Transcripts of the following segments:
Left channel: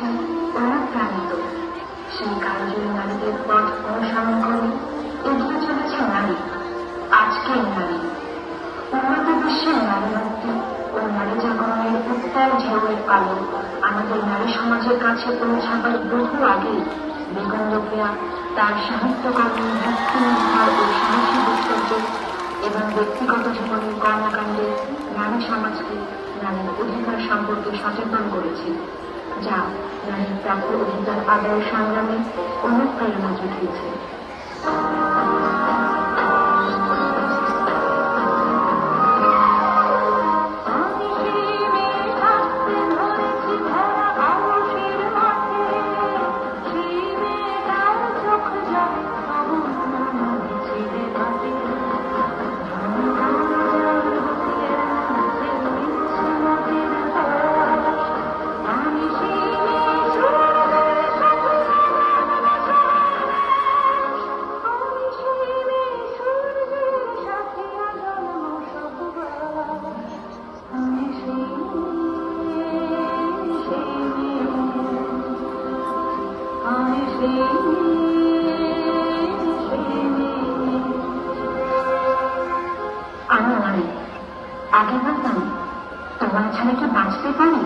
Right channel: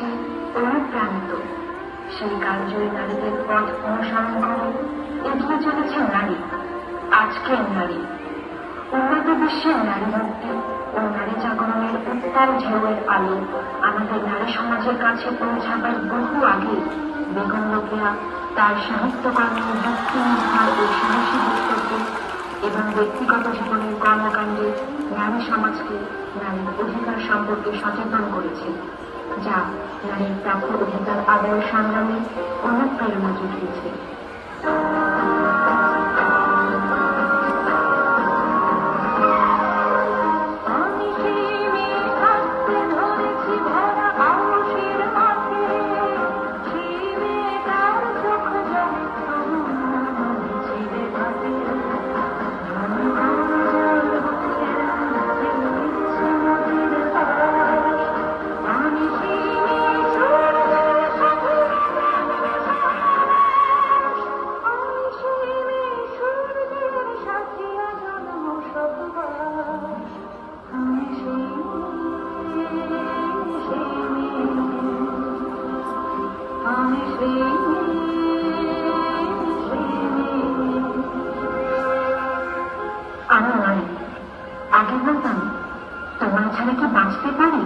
কাছে অনুপ্রাণিত। সেই কার্যই নারীদের পথ অনুসরণ করে এগিয়ে চলেছে নারী, আজকের নারী। উন্নত বিশ্বের নারী মুক্তি ও নারী জাগরণের উত্তাল ঢেউয়ের আলো আমাদের নারী সমাজের কাছে পৌঁছাবার বহু আগে বেগম রোকেয়া তার সাহিত্যকর্মে যুক্তি নির্ভর ও সাহসী বক্তব্য এবং ব্যক্তিগত জীবনের কর্মকাণ্ডে নারী সমাজকে নারীর অধিকার সম্পর্কে সচেতন করেছে, যা নারীর প্রাপ্য অধিকার আদায়ের সংগ্রামে অনুপ্রেরণা জুগিয়েছে। আমি নারী, আগে বলতাম তোমার ছাড়া কি বাঁচতে পারি,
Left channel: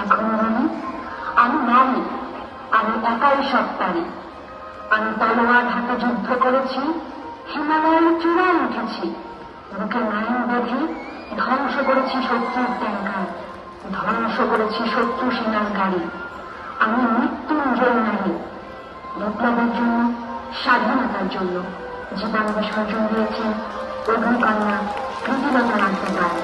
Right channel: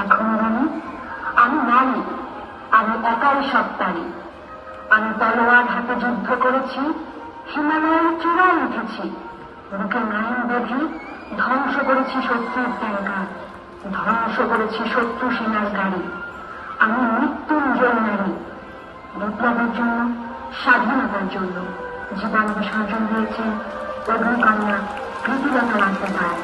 এখন বলি আমি নারী, আমি একাই সব পারি। আমি তলোয়ার হাতে যুদ্ধ করেছি, হিমালয়ের চূড়ায় উঠেছি, বুকে নাইন বেঁধে ধ্বংস করেছি শত্রুর ট্যাঙ্কার, ধ্বংস করেছি শত্রু সেনার গাড়ি। আমি মৃত্যুঞ্জয় নারী, বিপ্লবের জন্য, স্বাধীনতার জন্য জীবন বিসর্জন দিয়েছে অগ্নিকন্যা প্রীতিলতা নাট্যকার।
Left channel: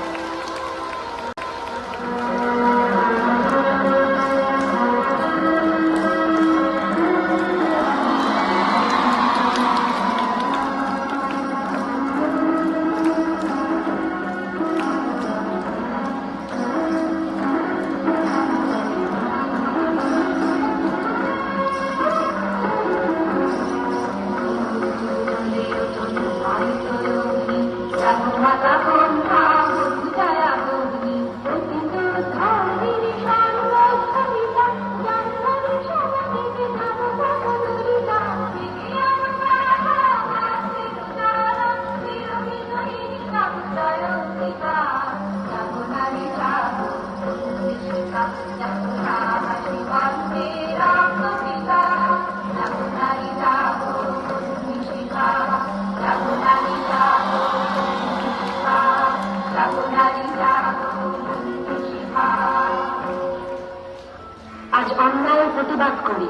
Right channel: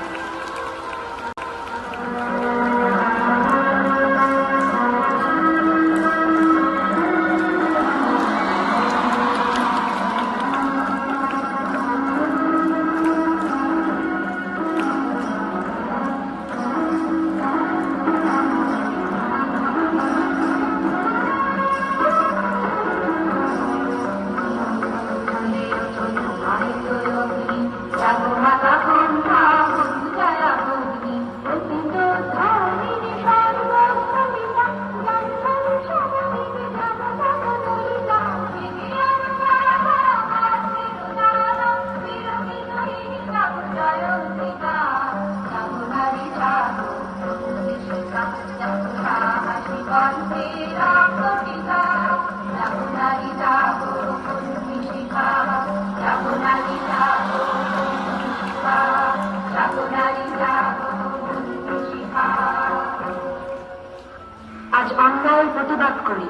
আজ অন্যায়ের প্রতিবাদ করি,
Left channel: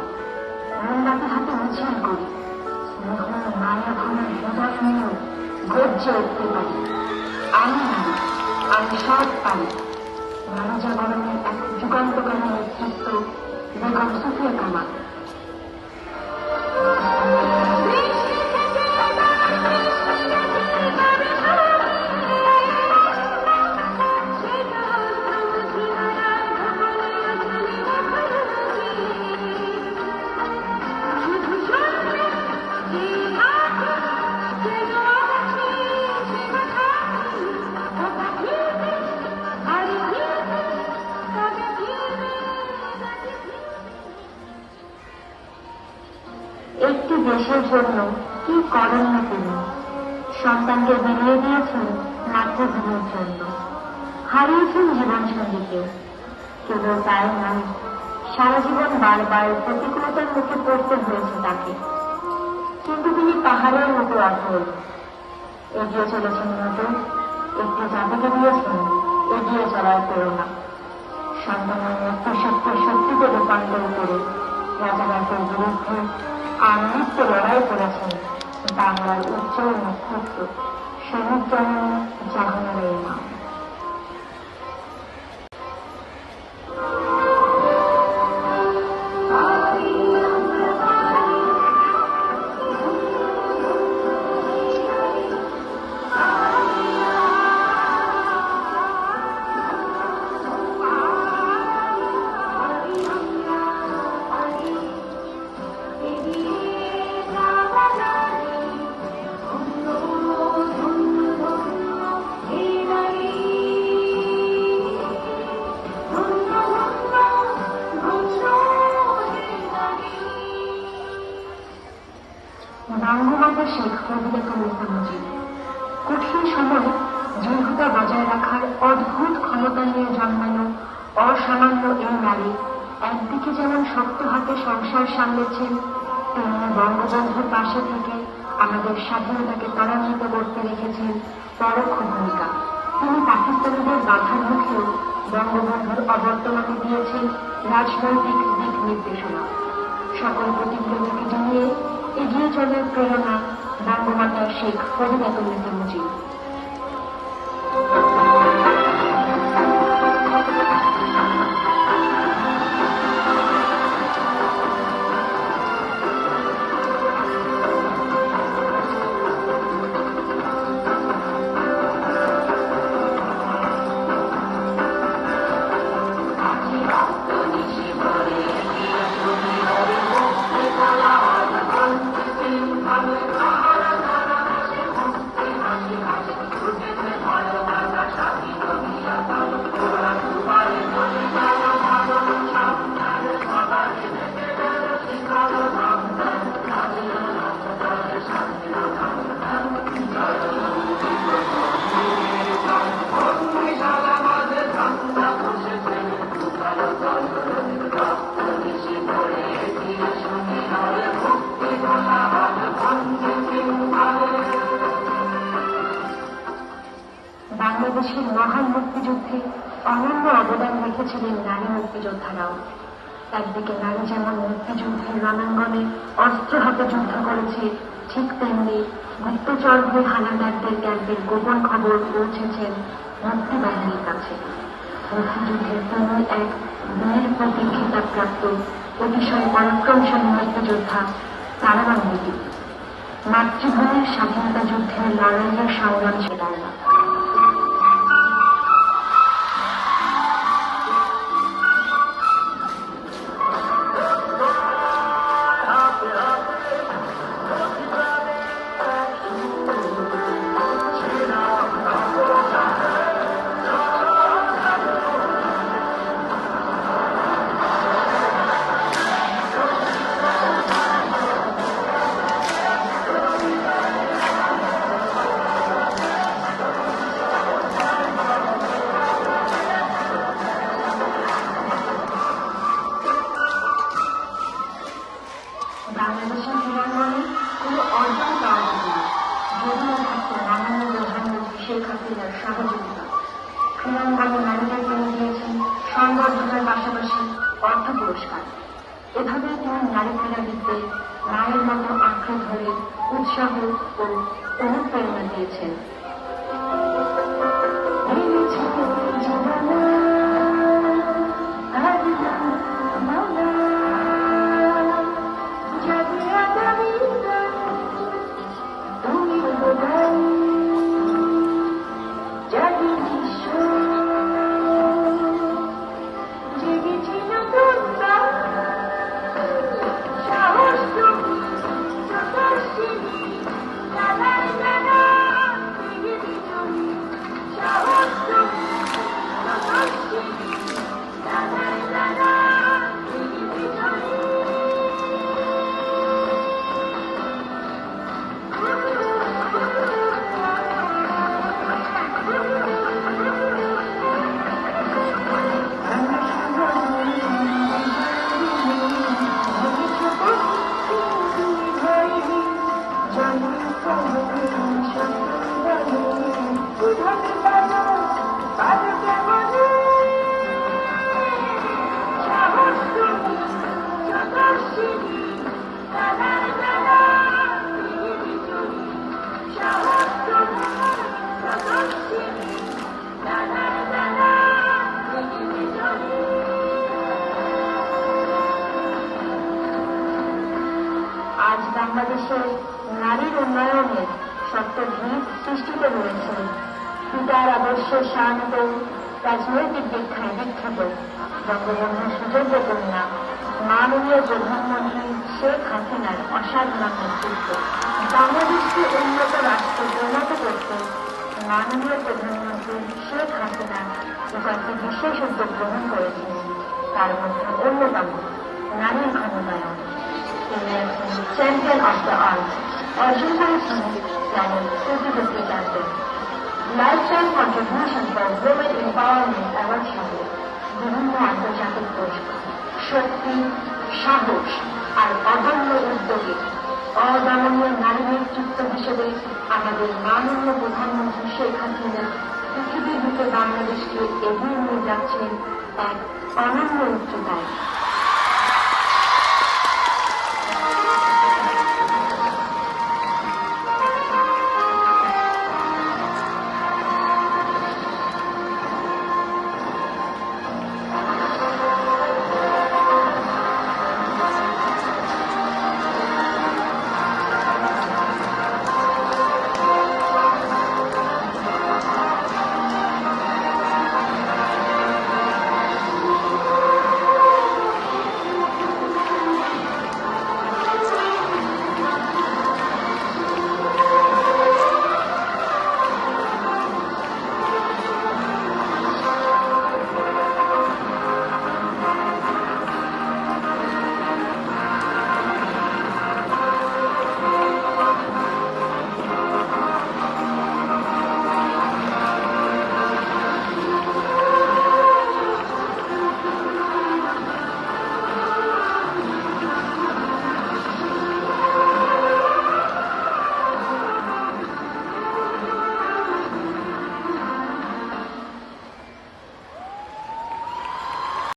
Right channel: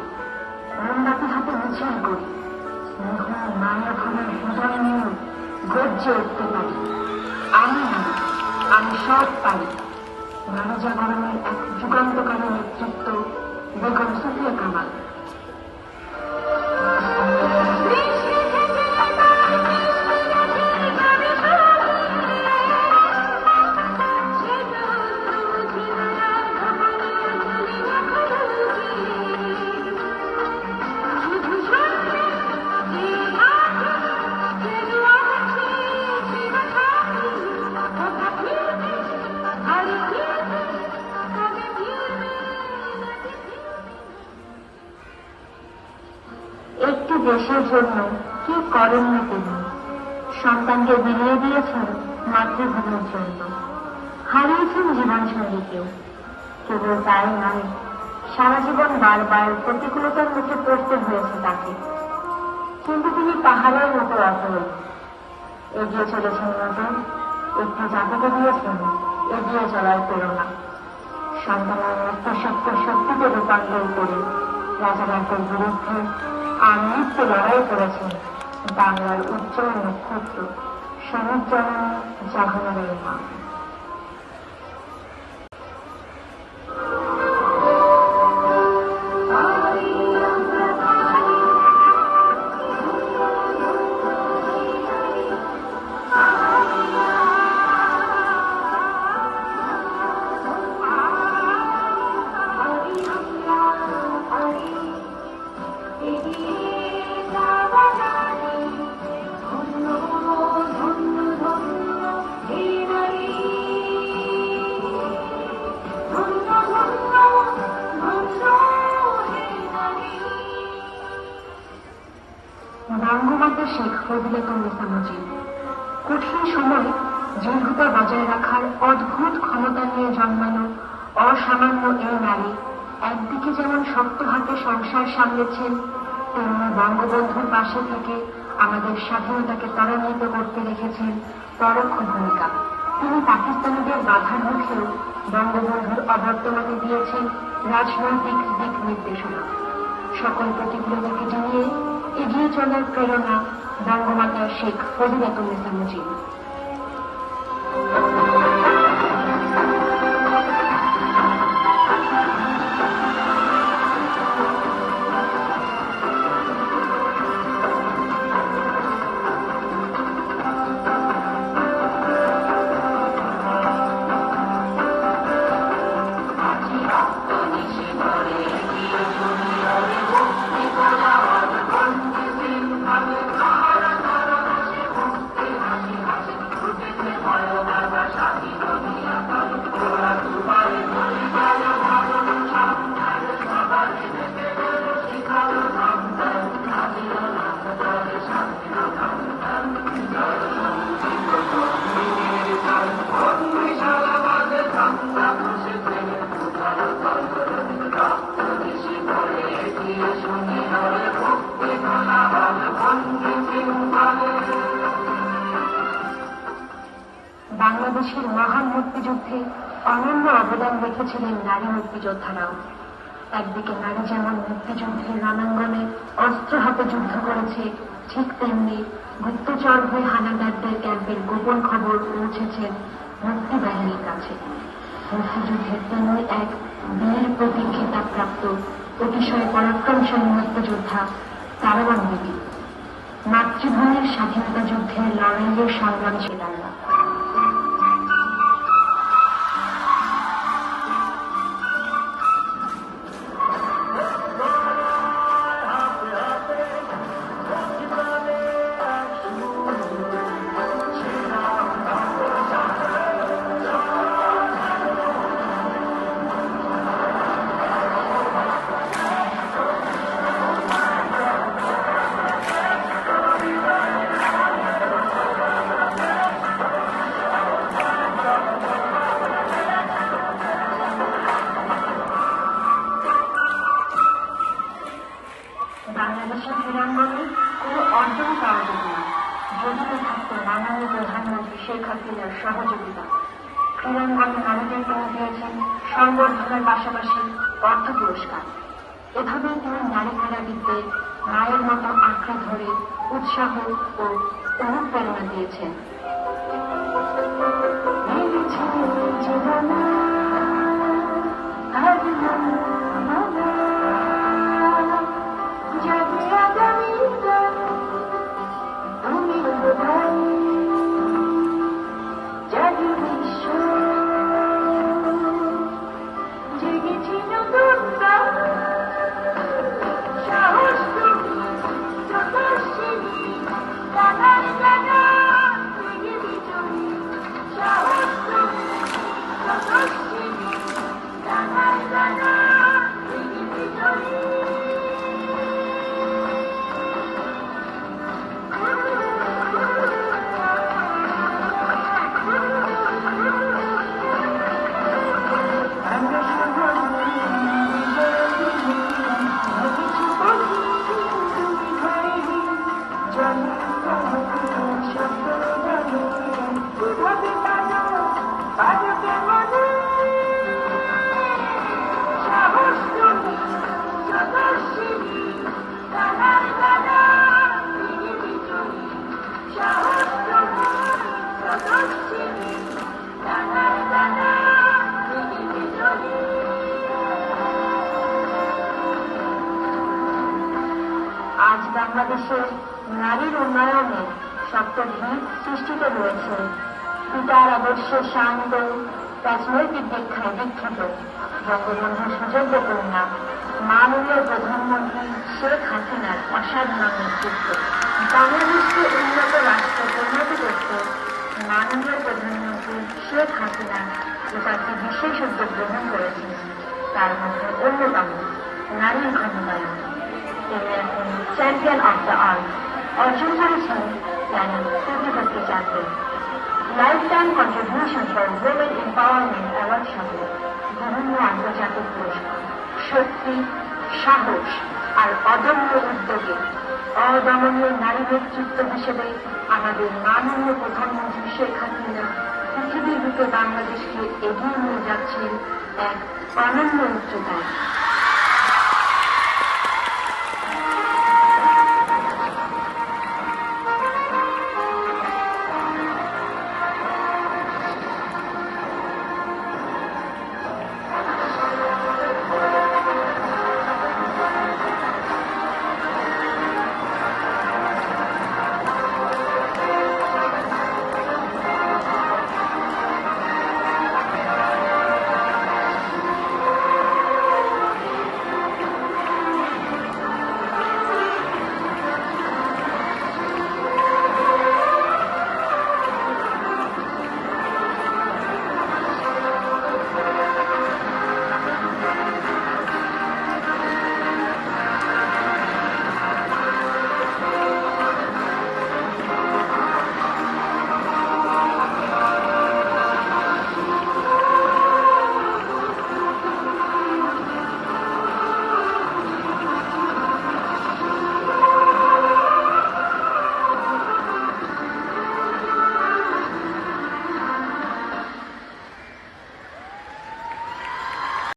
মোমবাতি হাতে মিছিল করি, মায়া ঘনের হৃদয় নিয়েও গর্জে উঠতে পারি। আমি নারী, আমি সব পারি। নারী জাগরণের এক যুগান্তকারী নেতৃত্ব বেগম সুফিয়া কামাল। একটি দেশের জন্য কি করেন না তিনি, সন্তানকে বিলিয়ে দিয়েছেন মাতৃভূমির জন্য, হারিয়েছেন জীবন সঙ্গীকেও। কেবল তাই নয়, সারা জীবন বারবার প্রতিকূলতার মুখে পড়তে হয়েছে তাকে, কিন্তু তিনি পাহাড়ের মতো অটল। এগিয়ে চলেছেন নতুন, একটু জাতিকে দিয়েছেন এগিয়ে চলার প্রেরণা। সন্তানের মৃত্যু সত্য শক্তিতে রূপান্তর করে রাজাঘাটের বিরুদ্ধে আমৃত্যু লড়াই করেছেন বাংলার উজ্জ্বল নক্ষত্র শহীদ জননী জাহানারার মা। ধন্য ধন্য ধন্য হে নারী। বঙ্গমাতা শেখ ফজিলাতুন্নেসা মুজিব কঠিন সময় দৃঢ়তা বজায় রাখার অদ্ভুত ক্ষমতা নিয়ে জন্মানো অসামান্য এই নারী একদিকে যেমন শক্ত হাতে সংসার সামলেছেন, তেমনি বঙ্গবন্ধুর পাশে থেকে আমাদের স্বাধীনতাকে ত্বরান্বিত করতে রেখেছেন পরোক্ষ ভূমিকা। তিনি পাকিস্তানিদের বাধার মুখেও বঙ্গবন্ধুর অবর্তমানে দিয়েছেন রাজনৈতিক দিক নির্দেশনা। সকল প্রতিকূলতাকে জানিয়ে এগিয়ে চলার প্রেরণা বঙ্গমাতা শেখ ফজিলাতুন্নেসা মুজিব। বাংলাদেশের মহান মুক্তিযুদ্ধে অনন্য অবদান রেখেছিলেন নারী মুক্তিযোদ্ধারাও। একদিকে নারী যেমন মুক্তিযুদ্ধের রণাঙ্গনে অস্ত্র হাতে যুদ্ধ করেছে, ঠিক তেমনি গুপ্তচর হয়ে হানাদারদের ক্যাম্পের গোপন খবর পৌঁছেছেন মুক্তিবাহিনীর কাছে। মুক্তিযুদ্ধের তেমনি এক বীর প্রতীক খেতাবপ্রাপ্ত অতিশয় পরাক্রমশালী মুক্তিযোদ্ধা তারাবান বিবি। মাতৃভূমির স্বাধীনতা যুদ্ধের লড়াইয়ের সংগ্রাম ছিলেন না। বাংলাদেশের ক্রীড়াঙ্গনে কোনো অর্জন পাওয়া যেত না যদিও থাকত বাংলাদেশ প্রধানমন্ত্রী শেখ হাসিনার সহযোগিতা। ক্রীড়াঙ্গনে নারীদের পেয়ে দিয়েছেন সংবর্ধনার পাশাপাশি অর্থ পুরস্কার। এভাবে তিনি নারী ক্রীড়াবিদদের মায়ের মতো আঁকড়ে ধরে উৎসাহ ও অনুপ্রেরণা দিয়েছেন। আজ বাংলাদেশে নারীর উন্নয়নের শক্ত ভিত সৃষ্টিত রয়েছে পিতার আদর্শে শান্ত রাজনৈতিক দীক্ষায় দীক্ষিত বঙ্গবন্ধুর সুযোগ্য কন্যা মাননীয় প্রধানমন্ত্রী শেখ হাসিনার অসাধারণ নেতৃত্ব। বাংলাদেশকে উন্নত রাষ্ট্রে পরিণত করতে মাননীয় প্রধানমন্ত্রী শেখ হাসিনা কয়েকটি বিশেষ উদ্যোগ গ্রহণ করেছেন। তার মধ্যে অন্যতম নারীর ক্ষমতায়ন। তিনি চ্যাম্পিয়ন অব দ্য আর্থ। অর্জন করেছেন planet 2050 campaign. Life time contribution for women empowerment award সহ বিভিন্ন আন্তর্জাতিক পুরস্কার। শক্তি, সাহস আর অদম্য উদ্যোগে অদমনীয় নারী নেতৃত্ব হিসেবে আমাদের মাননীয় প্রধানমন্ত্রী শেখ হাসিনা পৃথিবীর বুকে বাংলাদেশকে এগিয়ে নিয়ে যাচ্ছেন এক অনন্য উচ্চতায়।